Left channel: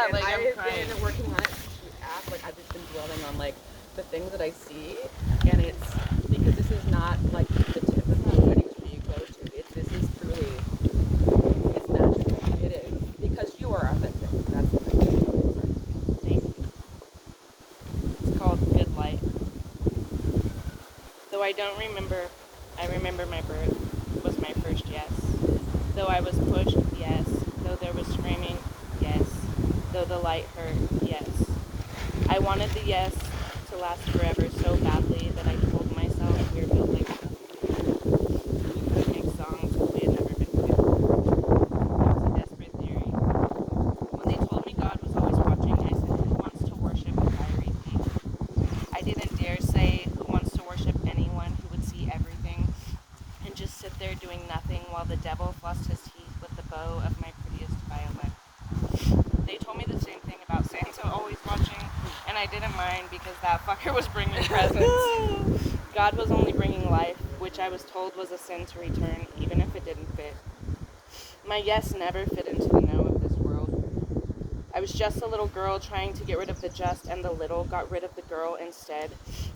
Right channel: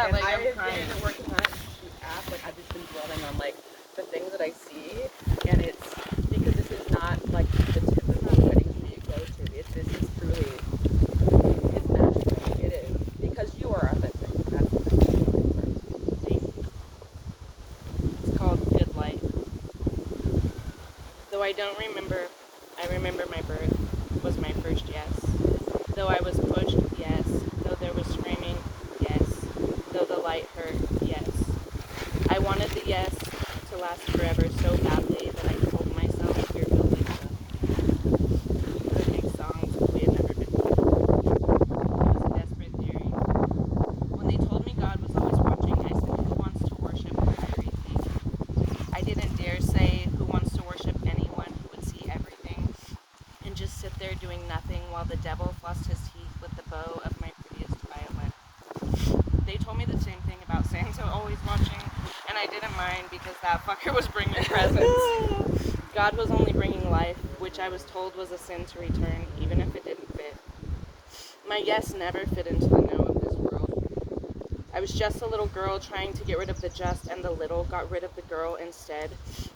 And like I've I'm crying. been working on it to act like I've just been dwelling on like the things that I see, and it's because this is not like the typical weddings that you go to. This is truly it's magical. It is because you are authentic. That's the really important. Thank you. It's called Good Light. Though I don't remember, I remember my birth was my first yes. Though I was pushed, yes. Though there was screaming, yes. Though the light hurt, yes. I wanted the yes to last forever so badly that I told myself we were built like stuff. We could make songs if we had never been fit. It was a desperate theory. When they told me God was always watching, I said, who wants to worship a fiery thief? I didn't dare say, who wants to worship anyone who would see everything and just sit there doing nothing while the devil flossed his teeth with the bow of my prettiest violin. They told me the same thing about Santa always watching, and I didn't mind because that fucker was bringing presents. God was only bringing life, which I was told was a sin to return, even if it didn't fit. My yes never fit into the no of this world. I was just a little girl trying to get rid of the just and the little, got rid of the girl instead.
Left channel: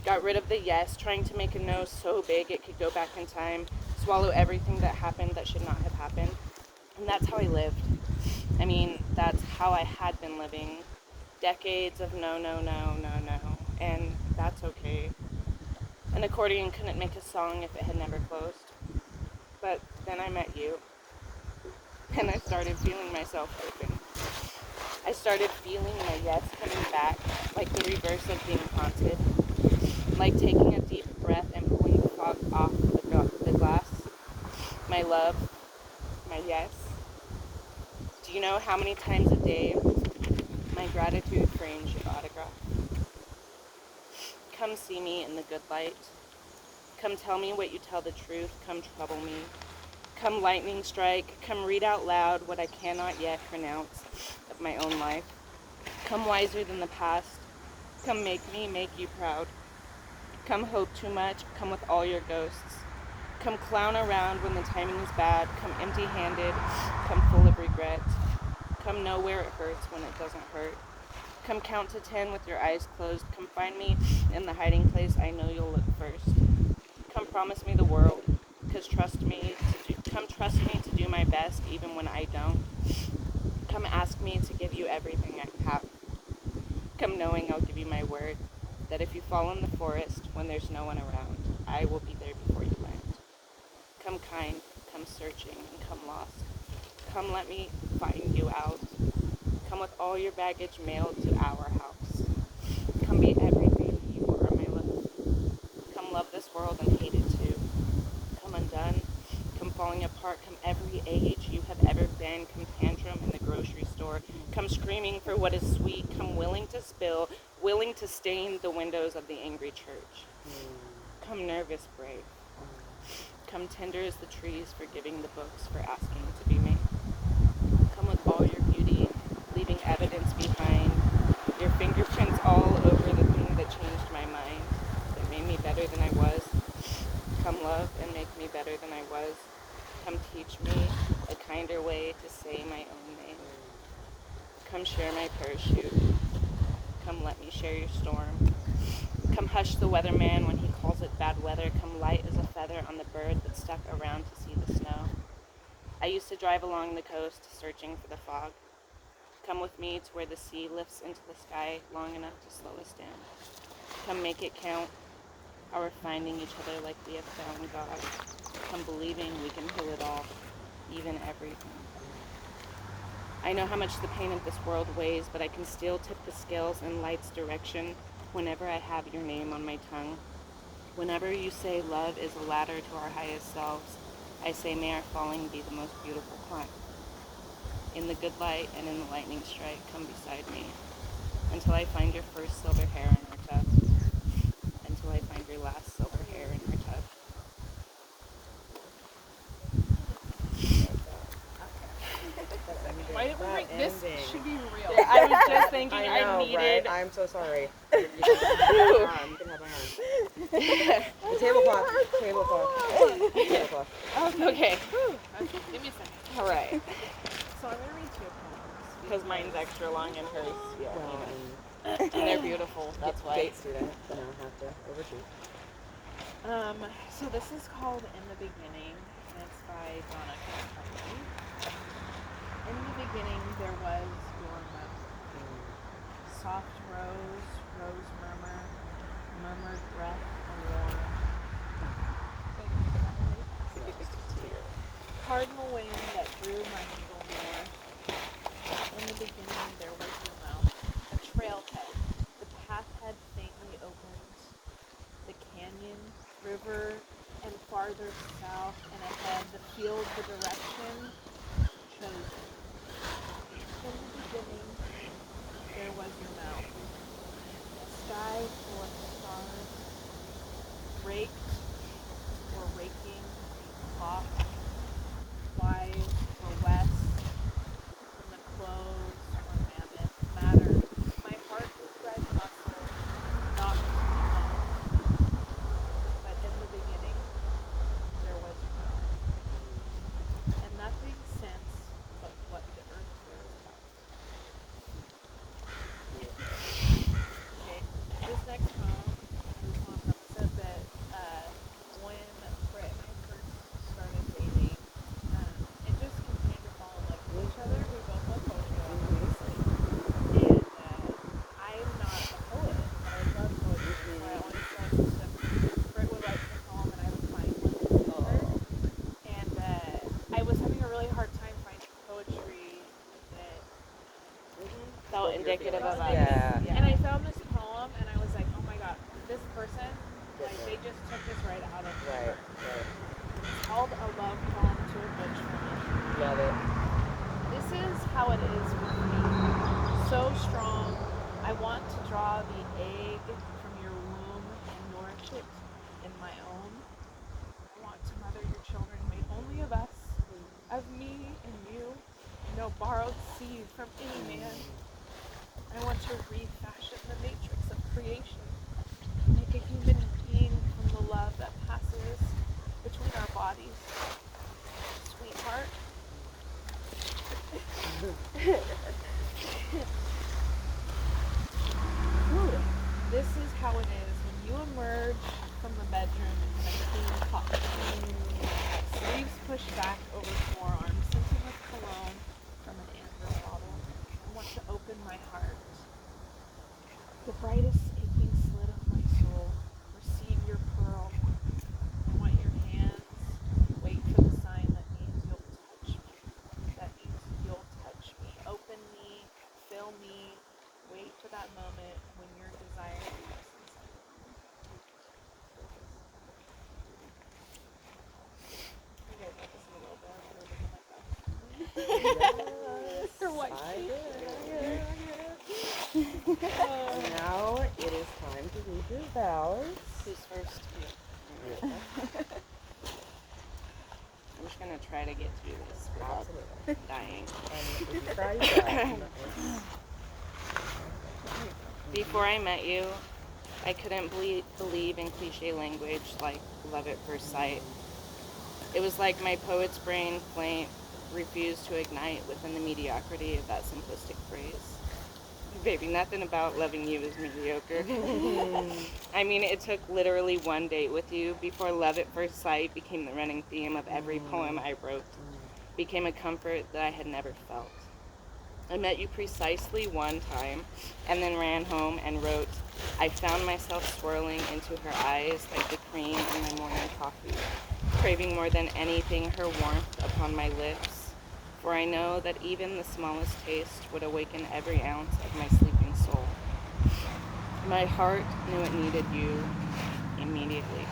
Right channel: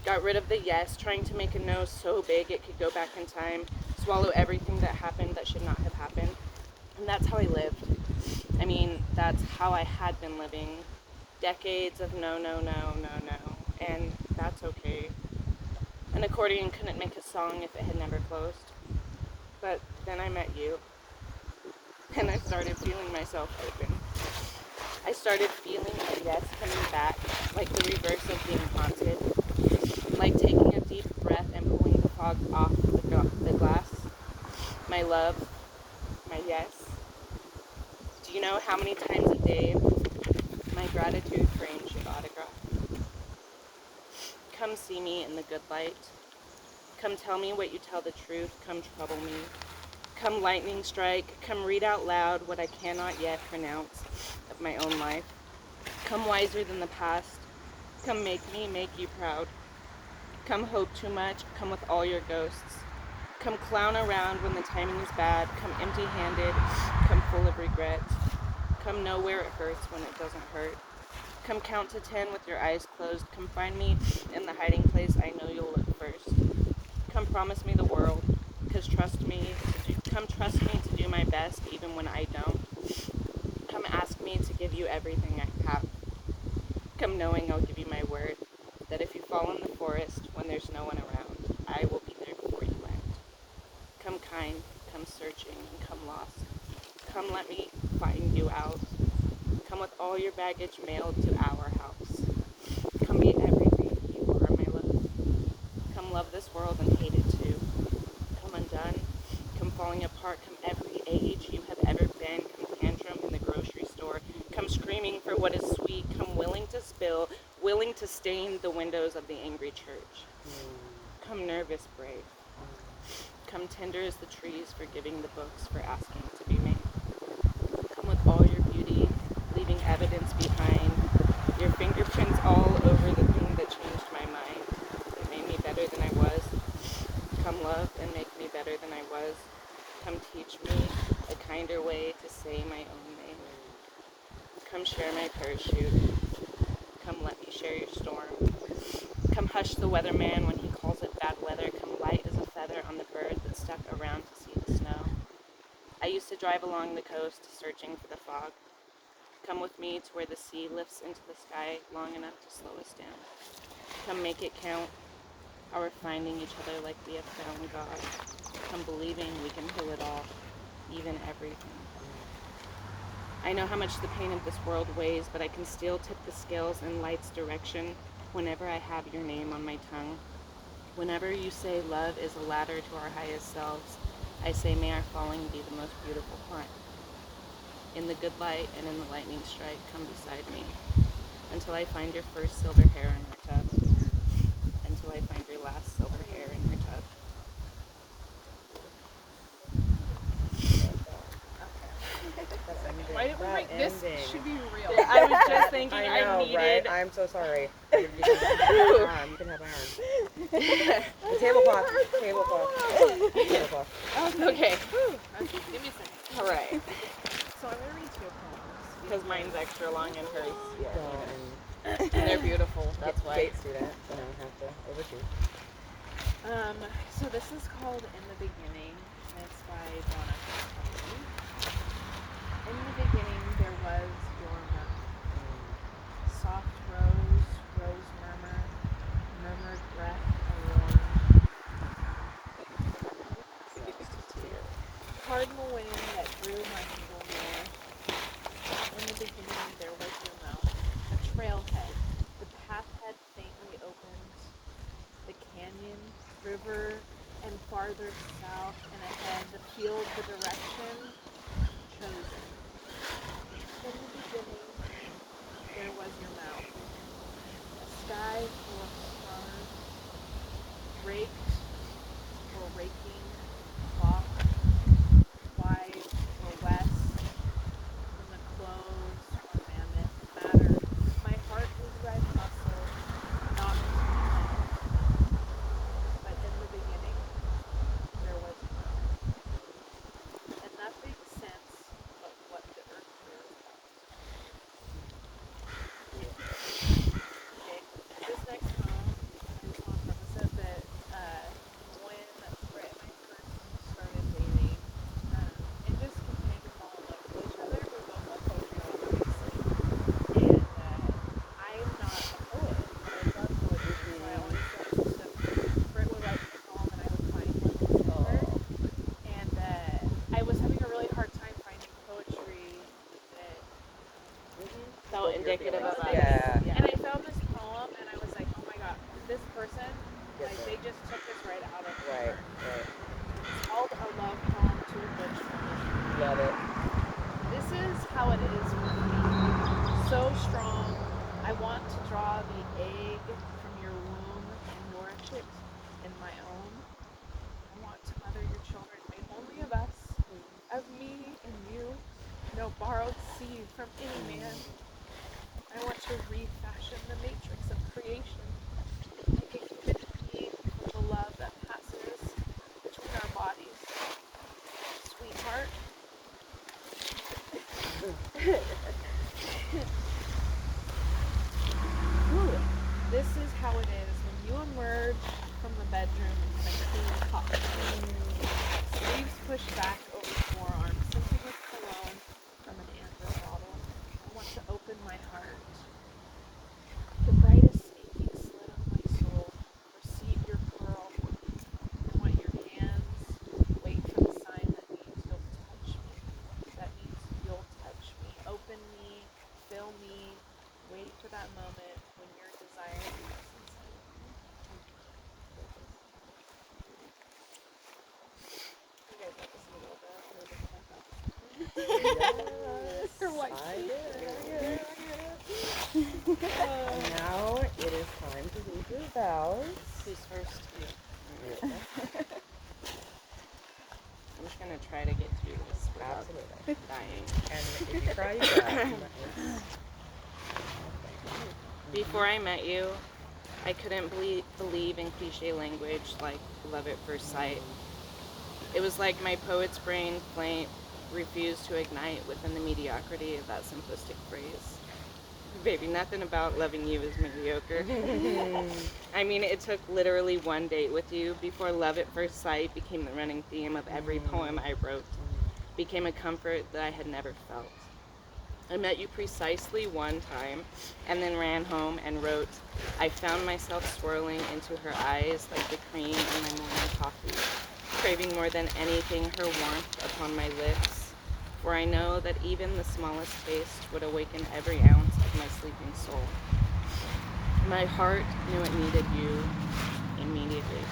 Got rid of the yes, trying to make a no so big it could go back in time, swallow everything that happened that should not have happened. And that's how I lived. I mean, that's how I had been living. Decades of no, no, no, no, no. And that's okay. An accordion couldn't make a song if it had never closed. But then I met you. And I started feeling myself open. I started feeling my yes coming back, like the reverse of being haunted. Like taking a deep breath and pulling the fog off the glass. My love, my yes. Do you know how many times a day my gratitude frames your autograph? Come see me in the good light. Come tell me what you tell the truth. Come trouble me. Come lightning strike. Come read out loud what I cannot yet pronounce of my own life. Come wiser than the past. Come make me make you proud. Come hope too much. Come with all your ghosts. Come clown around when the timing is bad. Come empty-handed. Come full of regret. Come know where it hurts when it doesn't hurt. Come count to 10 with your eyes closed. Come find me in the hiding place I know you'll look first. Come promise me the world. Come trust me to do my best even when I don't. Come ask me to give you everything I have. Come knowing I'll give you my word that if you fall in the forest when there's no one around, I will be there before you land. Come kind, come searching, and come lost. Come let me find you out. Come with all your baggage mailed to our house. Come be everything you are, my love. Come love this world and hate it too. Come undone. Come falling apart. Come every age you have ever been. Come tantrum in the grocery store. Come screaming for what is sweet. Come willing to spill, willing to stain the windows of the angry church. Come nervous, brave. Come tender as the trees forgiving the books for asking to be made. Come with all your beauty, leaving evidence behind. Your fingerprints all over the thing that changed my mind, that made me better than I was. Come love and make me better than I was. Come teach me a kinder way to say my own name. Come share my parachute. Come let me share your storm. Come hush the weatherman when he calls it bad weather. Come light as a feather on the bird that stuck around to see the snow. I used to drive along the coast searching for the fog. Come with me to where the sea lifts into the sky long enough to slow us down. Come make it count. Our finding each other like we have found God. Come believing we can heal it all, even everything. I know how much the pain of this world weighs, but I can still tip the scales in light's direction whenever I have your name on my tongue. Whenever you say love is a ladder to our highest selves, I say may our falling be the most beautiful climb. In the good light and in the lightning strike, come beside me until I find your first silver hair in our tub, until I find your last silver hair in your tub. Why didn't we bring this? Should be real. Yeah, I was just thinking I know, needed. right? I'm so sorry. You can have my arm. The tablecloth. Oh, okay. Okay, give me a second. All right. So I'm going to read two poems. Because mine's extra long and hers, yeah. Well, And they're beautiful, that's why. Great student, have to overdo. So this is called In the Beginning, and it's by Donna Carey. In the beginning there was your mouth. Soft rose, rose murmur, murmured breath, a warm. Cardinal wind that drew my needle north. In the beginning there was your mouth. A trailhead. The path had faintly opened. The canyon, river, and farther south and ahead, the field, the direction chosen. In the beginning, there was your mouth. A sky full of stars, raked or raking, clock, wise or west, from the clothes or mammoth matter. My heart is red muscle, knock, knock. But in the beginning, there was your mouth. And nothing since but what the earth bears out. Okay, this next poem, I just want to preface it that when Brit and I first started dating, it just continued to fall in love with each other. We both love poetry, obviously. And I'm not a poet, but I love poetry, so I always loved that Brit would write me a poem and I would find one to send her. And I was having a really hard time finding poetry that So indicative of us. Yeah. And I found this poem and I was like, oh my god, this person, like they just took this right out of Right. her. It's called A Love Poem to a Butch Woman. Love it. This is how it is with me. So strong, I want to draw the egg from your womb and nourish it in my own. I want to mother your children made only of us, of me and you, no borrowed seed from any man. I want to refashion the matrix of creation, make a human being from the love that passes between our bodies. Sweetheart. This is how it is when you emerge from the bedroom in a clean cotton. Sleeves pushed back over forearms, scented with cologne from an amber bottle. I want to open my heart. The brightest aching slit of my soul. Receive your pearl. I want your hands. Wait for the sign that means you'll touch me. That means you'll touch me. Open me. Fill me. Wait for that moment when your desire leaves inside of me. You guys got this in a little bit. I'm sure it doesn't like that. Yes, Her white I sheet. did. Now it is time to read your vows. Who's first? I'm just going to try to get through this without Absolutely. dying. And if you cry, you cry. Before I met you, I couldn't believe in cliche language like love at first sight. It was like my poet's brain flame refused to ignite within the mediocrity of that simplistic phrase. Baby, nothing about loving you is mediocre. I mean, it took literally one date with you before love at first sight became the running theme of every poem I wrote, became a comfort that I had never felt. I met you precisely one time and then ran home and wrote, I found myself swirling into her eyes like the cream in my morning coffee, craving more than anything her warmth upon my lips, for I know that even the smallest taste would awaken every ounce of my sleeping soul. My heart knew it needed you immediately,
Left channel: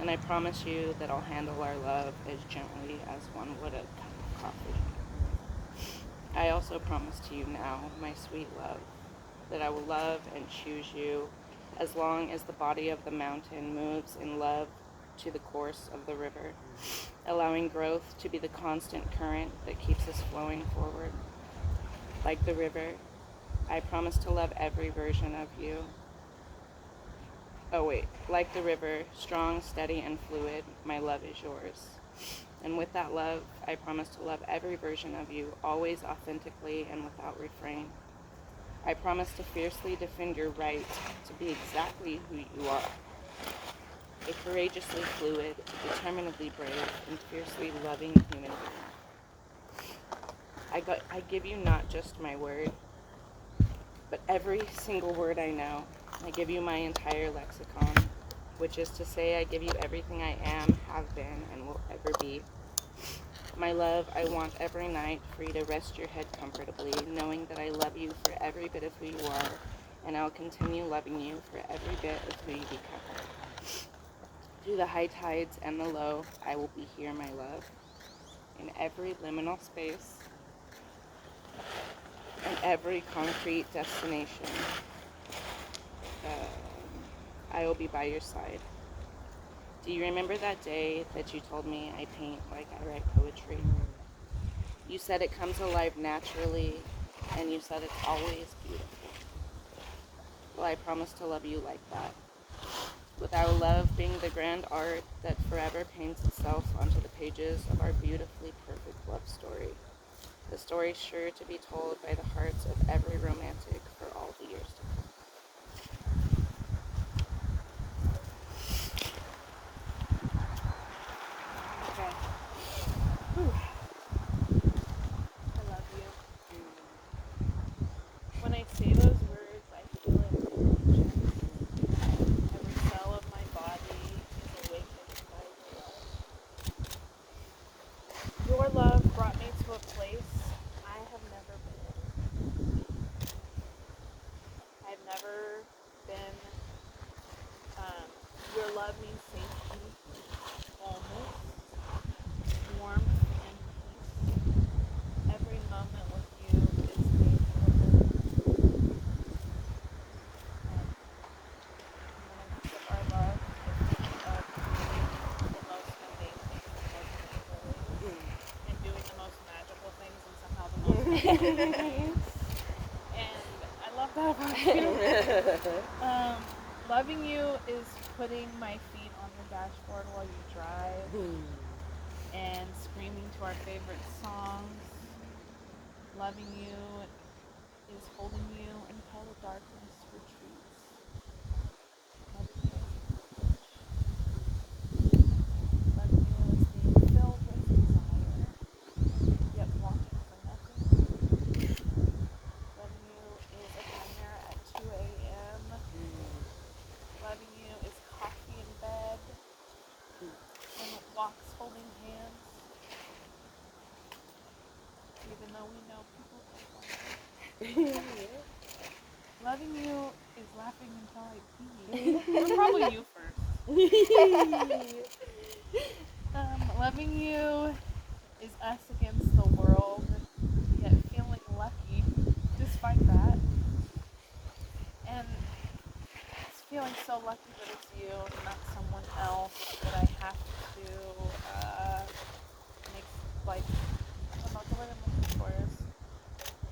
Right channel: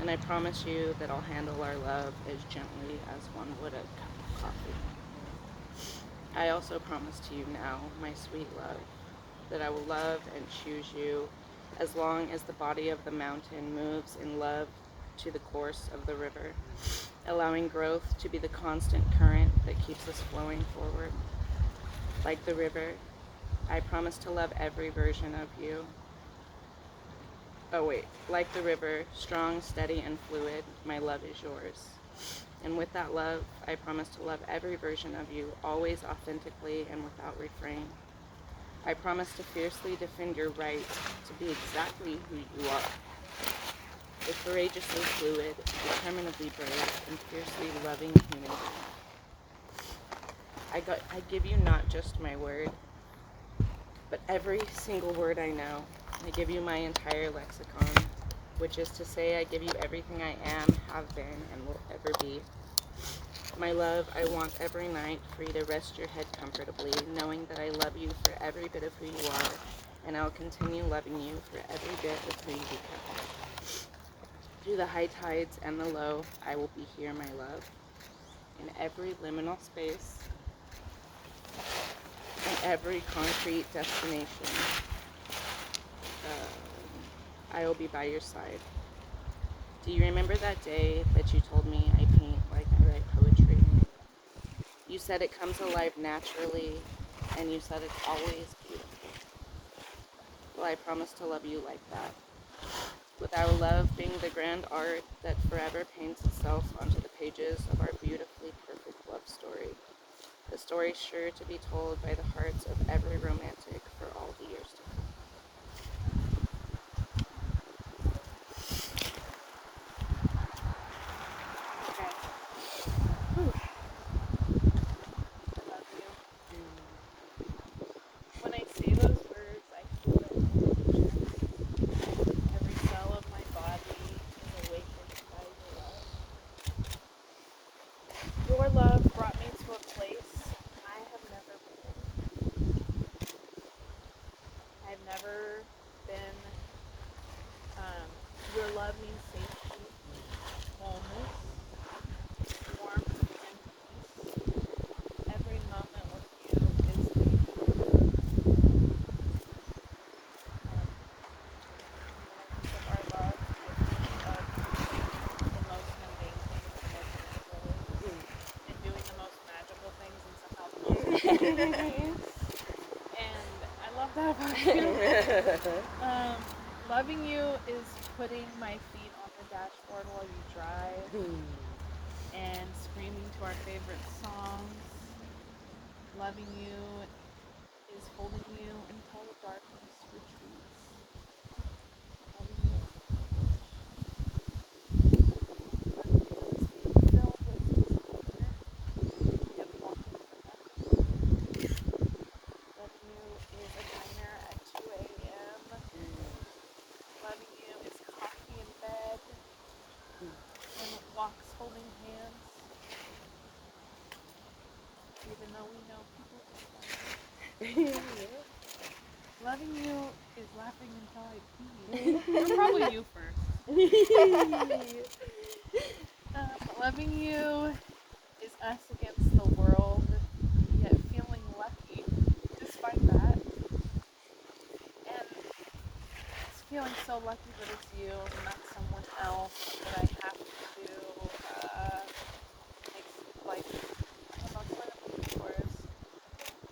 and I promise you that I'll handle our love as gently as one would a cup of coffee. I also promise to you now, my sweet love, that I will love and choose you as long as the body of the mountain moves in love to the course of the river, allowing growth to be the constant current that keeps us flowing forward. Like the river, I promise to love every version of you. Like the river, strong, steady, and fluid, my love is yours. And with that love, I promise to love every version of you, always authentically and without refrain. I promise to fiercely defend your right to be exactly who you are. A courageously fluid, determinedly brave, and fiercely loving human being. I give you not just my word, but every single word I know. I give you my entire lexicon, which is to say I give you everything I am, have been, and will ever be. My love, I want every night for you to rest your head comfortably, knowing that I love you for every bit of who you are, and I'll continue loving you for every bit of who you become. Through the high tides and the low, I will be here, my love. In every liminal space, and every concrete destination, I will be by your side. Do you remember that day that you told me I paint like I write poetry? You said it comes alive naturally, and you said it's always beautiful. Well, I promise to love you like that. With our love being the grand art that forever paints itself onto the pages of our beautifully perfect love story. The story sure to be told by the hearts of every romantic for all the years to come. Okay. Whew. I love you. When I say those words, I feel it in my chest. Every cell of my body is awakened by your love. Your love brought me to a place I have never been. I've never been. Your love means safety, wholeness, warmth, and peace. Every moment with you is made for. When I think of our love, I think of you the most mundane things in the most beautiful ways, and doing the most magical things and somehow the most beautiful ways. And I love that about you. Loving you is putting my feet on the dashboard while you drive and screaming to our favorite songs. Loving you is holding you until the darkness retreats. Loving you is privilege. Loving you is being filled with desire, yet wanting for nothing. Loving you is a diner at 2 a.m. Loving you is coffee in bed and walks holding hands. Even though we know people don't want it. Loving you is laughing until I pee. Or probably you first. Loving you is us against the world, yet feeling lucky despite that. And it's feeling so lucky that it's you and not someone else that I have to make, like, I don't know what the word I'm looking for is.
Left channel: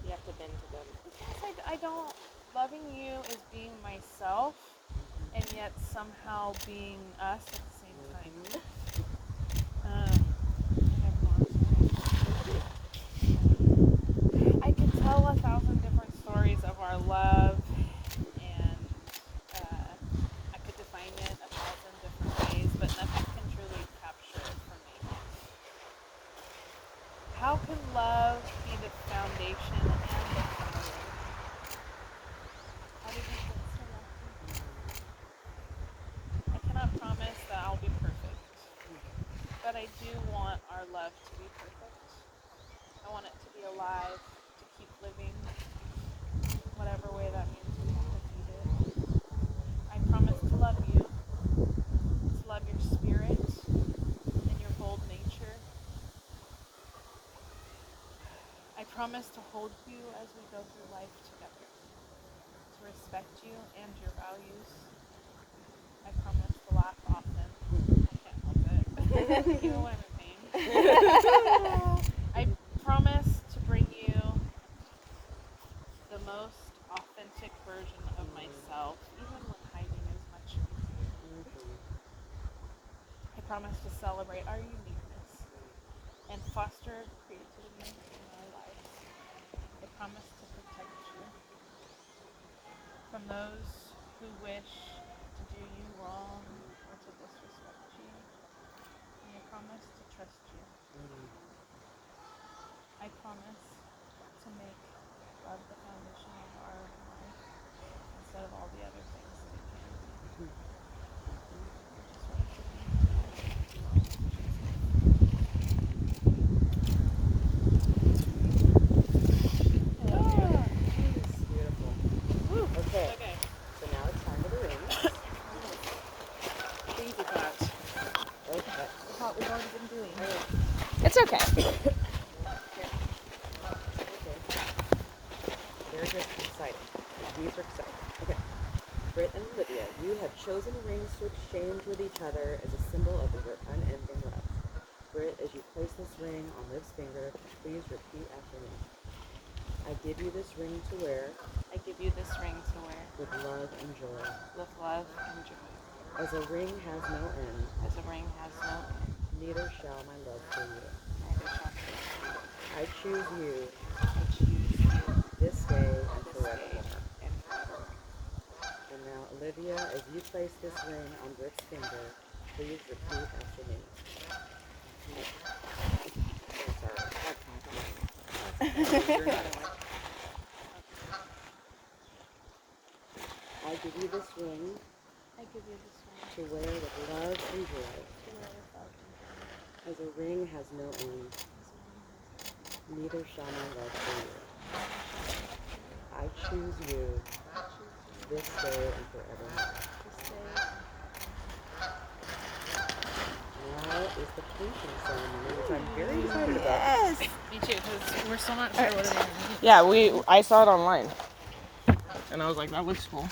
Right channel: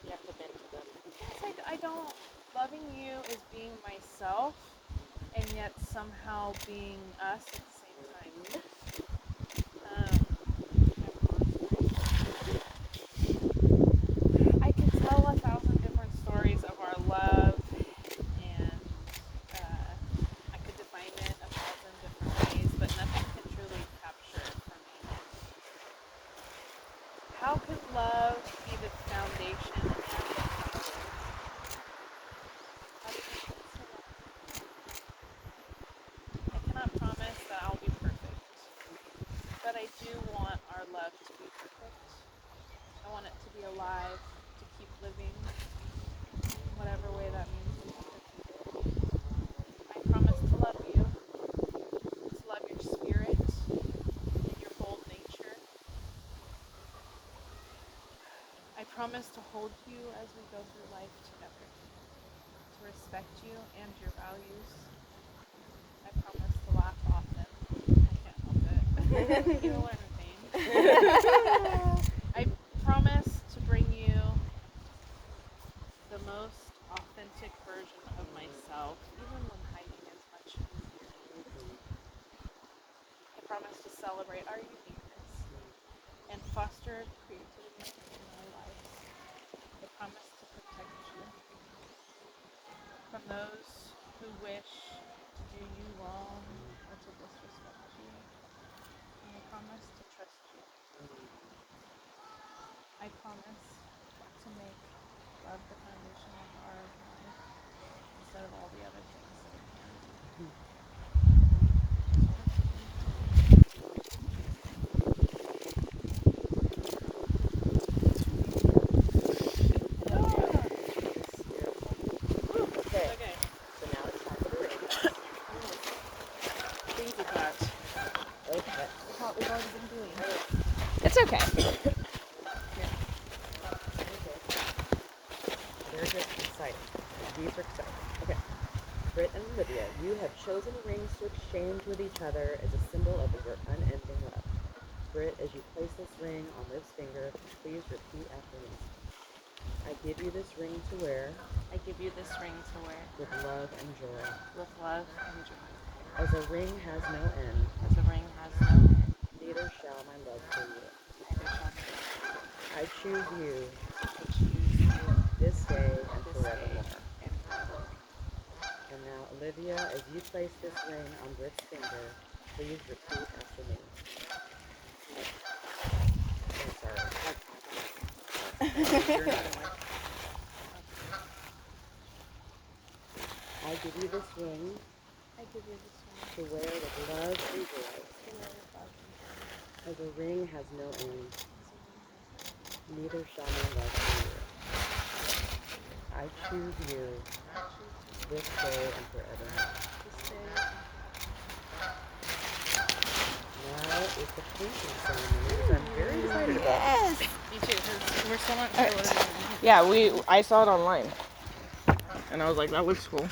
You have to bend to them. Yes, I don't. Loving you is being myself and yet somehow being us at the same time. I could tell 1,000 different stories of our love, and I could define it 1,000 different ways, but nothing can truly capture it for me. How can love be the foundation and the fire? How did you get so lucky? I cannot promise that I'll be perfect, but I do want our love to be perfect. I want it to be alive, to keep living, whatever way that means we have to feed it. I promise to love you, to love your spirit and your bold nature. I promise to hold you as we go through life together, to respect you and your values. I promise to laugh often. I can't help it. Even when I'm in pain. I promise to bring you the most authentic version of myself, even when hiding is much easier. I promise to celebrate our uniqueness and foster creativity in our lives. I promise to protect you from those who wish to do you wrong or to disrespect you. And I promise to trust you. I promise to make love the foundation of our life instead of all the other things that it can be. Okay. So now it's time for the rings. Baby thoughts. Okay. What we've already been doing. It's okay. Okay. They're just excited. Super excited. Okay. Brit and Olivia, you have chosen rings to exchange with each other as a symbol of your unending love. Brit, as you place this ring on Liv's finger, please repeat after me. I give you this ring to wear I give you this ring to wear with love and joy. with love and joy. As a ring has no end, As a ring has no end, neither shall my love for you. neither shall it. I choose you I choose you this day and this forevermore. day and forevermore. And now, Olivia, as you place this ring on Brit's finger, please repeat after me. Oh, sorry. You're not in my- I give you this ring I give you this ring to wear with love and joy. to wear with love and joy. As a ring has no end, As a ring has no end. neither shall my love for you. I choose you I choose you this day and forevermore. this day and Now is the painting ceremony, which I'm very excited about. me too, because we're still not sure what it means. Yeah, I saw it online. And I was like, that looks cool.